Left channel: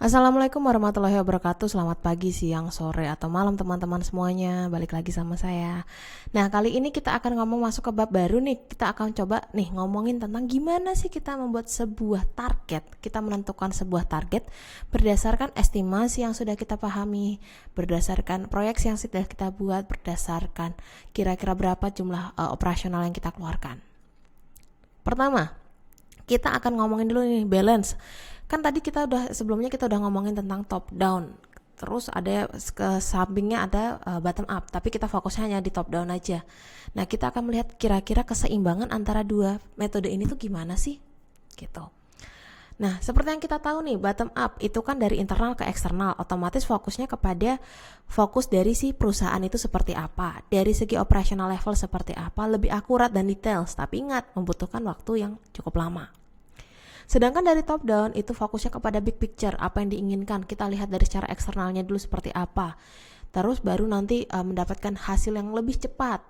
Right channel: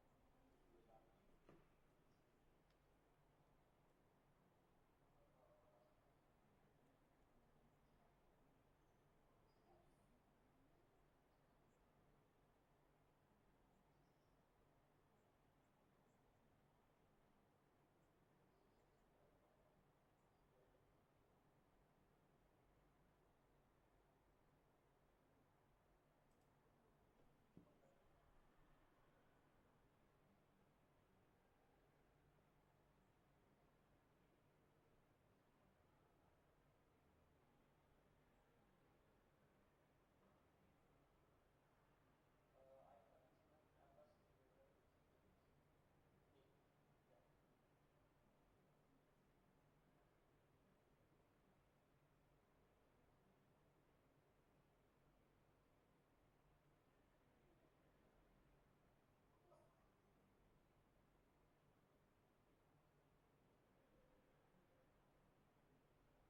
Assalamualaikum warahmatullahi wabarakatuh. Selamat pagi, siang, sore, atau malam teman-teman semuanya. Balik lagi sama saya. Nah, kali ini kita akan ngomong masuk ke bab baru nih. Kita akan coba nih ngomongin tentang gimana sih kita membuat sebuah target. Kita menentukan sebuah target berdasarkan estimasi yang sudah kita pahami, berdasarkan proyeksi yang sudah kita buat, berdasarkan kira-kira berapa jumlah operasional yang kita keluarkan. Pertama, kita akan ngomongin dulu nih balance. Kan tadi sebelumnya kita udah ngomongin tentang top down, terus ada ke sampingnya ada bottom up, tapi kita fokusnya hanya di top down aja. Nah, kita akan melihat kira-kira keseimbangan antara dua metode ini tuh gimana sih gitu. Nah, seperti yang kita tahu nih, bottom up itu kan dari internal ke eksternal, otomatis fokusnya kepada fokus dari si perusahaan itu seperti apa, dari segi operational level seperti apa, lebih akurat dan detail, tapi ingat membutuhkan waktu yang cukup lama. Sedangkan dari top down itu fokusnya kepada big picture, apa yang diinginkan. Kita lihat dari secara eksternalnya dulu seperti apa. Terus baru nanti mendapatkan hasil yang lebih cepat.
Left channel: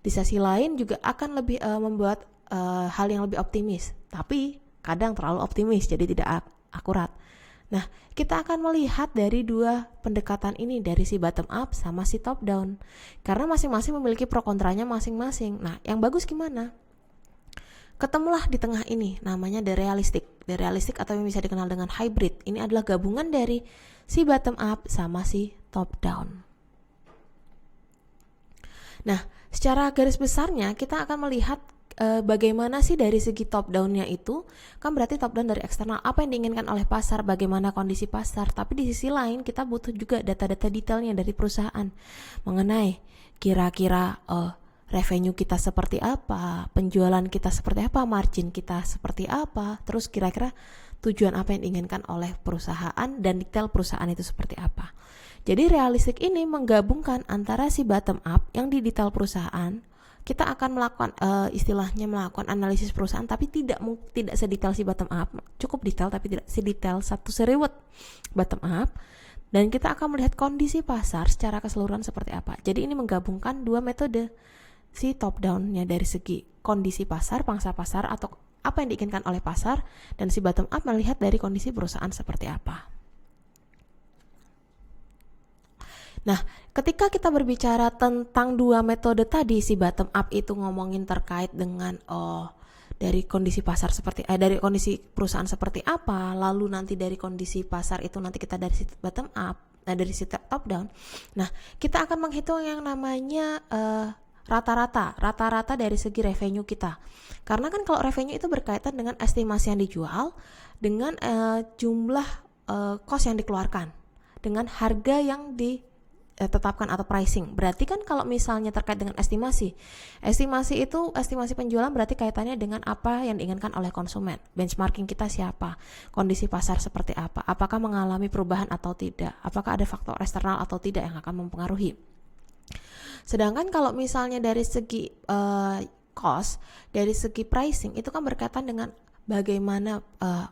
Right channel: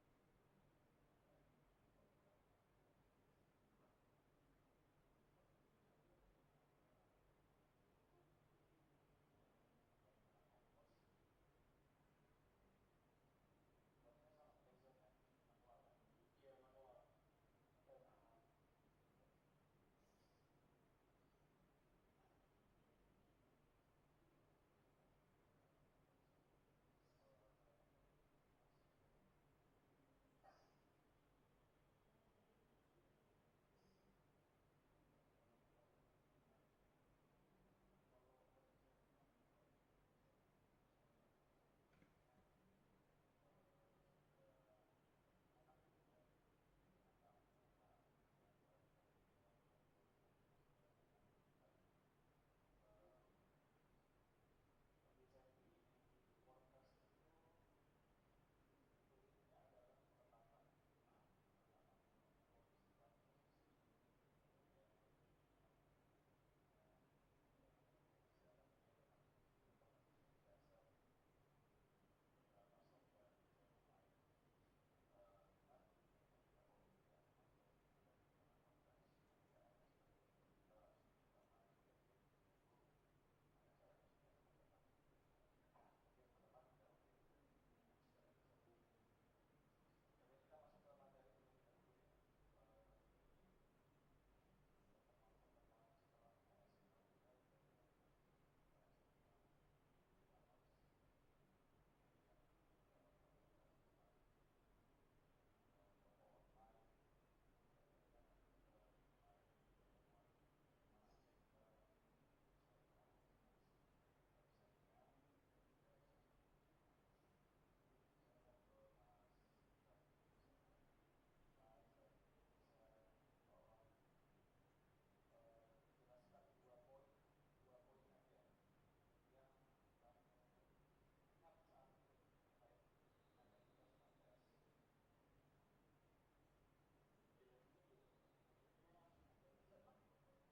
Di sisi lain juga akan lebih membuat hal yang lebih optimis. Tapi kadang terlalu optimis jadi tidak akurat. Nah, kita akan melihat dari dua pendekatan ini, dari si bottom up sama si top down. Karena masing-masing memiliki pro kontranya masing-masing. Nah, yang bagus gimana? Ketemulah di tengah ini, namanya the realistic. The realistic atau yang bisa dikenal dengan hybrid. Ini adalah gabungan dari si bottom up sama si top down. Nah, secara garis besarnya kita akan melihat bagaimana sih dari segi top down-nya itu. Kan berarti top down dari eksternal, apa yang diinginkan oleh pasar, bagaimana kondisi pasar. Tapi di sisi lain kita butuh juga data-data detailnya dari perusahaan mengenai kira-kira revenue kita seperti apa, penjualan kita seperti apa, margin kita seperti apa, terus kira-kira tujuan apa yang diinginkan oleh perusahaan dan detail perusahaan itu seperti apa. Jadi realistik ini menggabungkan antara si bottom up yang di detail perusahaan. Kita akan melakukan istilahnya melakukan analisis perusahaan, tapi tidak sedetail si bottom up, cukup detail tapi tidak sedetail satu seriwet bottom up. Dan kita akan melihat kondisi pasar secara keseluruhan seperti apa. Jadi ini menggabungkan dua metode, si top down-nya dari segi kondisi pasar, pangsa pasar atau apa yang diinginkan oleh pasar, dan si bottom up melihat dari kondisi perusahaan seperti apa. Nah, ketika kita berbicara tentang dua metode tadi, si bottom up itu ngomongin terkait dengan dari kondisi pasar seperti dari kondisi perusahaan seperti apa, lalu nanti dari kondisi pasar itu nanti kita dari si bottom up, dari si top down. Nah, kita akan menghitung yang namanya rata-rata dari segi revenue kita. Karena kan kalau revenue itu berkaitan dengan estimasi yang dijual dengan jumlah cost yang dikeluarkan dengan harga yang ditetapkan atau pricing. Berarti kan kalau misalnya terkait dengan estimasi itu estimasi penjualan berarti kaitannya dengan apa yang diinginkan oleh konsumen. Benchmarking kita siapa, kondisi pasar seperti apa, apakah mengalami perubahan atau tidak, apakah ada faktor eksternal atau tidak yang akan mempengaruhi. Sedangkan kalau misalnya dari segi cost, dari segi pricing itu kan berkaitan dengan bagaimana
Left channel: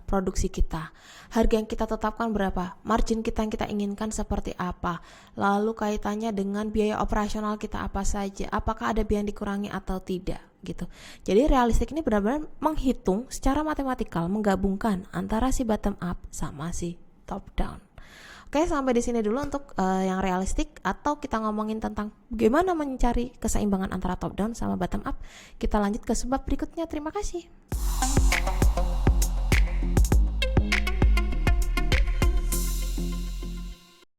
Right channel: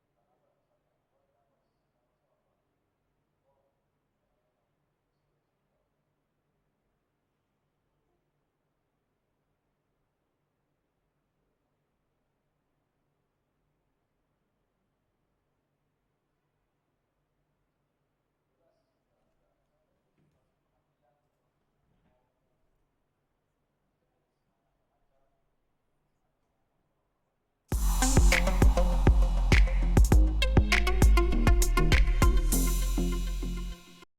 produksi kita, harga yang kita tetapkan berapa, margin kita yang kita inginkan seperti apa, lalu kaitannya dengan biaya operasional kita apa saja, apakah ada biaya yang dikurangi atau tidak gitu. Jadi realistik ini benar-benar menghitung secara matematikal, menggabungkan antara si bottom up sama si top down. Oke, sampai di sini dulu untuk yang realistik, atau kita ngomongin tentang bagaimana mencari keseimbangan antara top down sama bottom up. Kita lanjut ke sebab berikutnya. Terima kasih.